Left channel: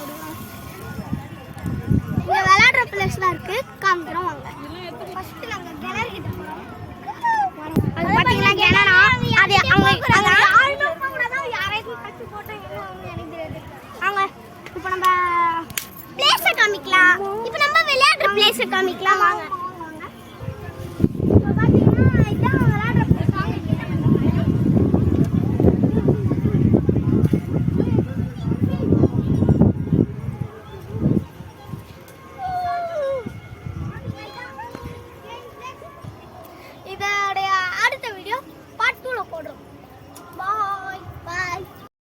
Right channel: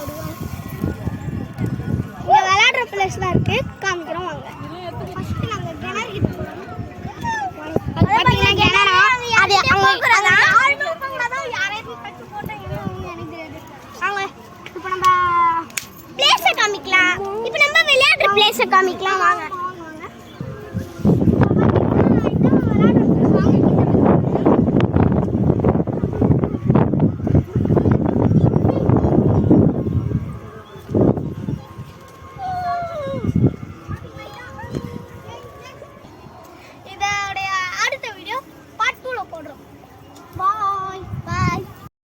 ஓடி ஓடுவாங்க. இங்கே விளையாடுற பிளேஸ்லாம் இருக்கு, காமிக்கிறோம் வாங்க. ஃபர்ஸ்ட் நாங்கள் கிணறு கிட்ட போகிறோம். அது பார்த்தீங்கன்னா கிணறா, அது அவங்க அங்கே யாருமே கூட தான் யாரையும் கட்டு போட்டாங்கன்னு எனக்கு தெரியாது. வாங்க இப்போ நம்ம பிளேஸை காமிக்கலாம். இப்போ நம்ம விளையாடுற பிளேஸை காமிக்கலாம் வாங்க.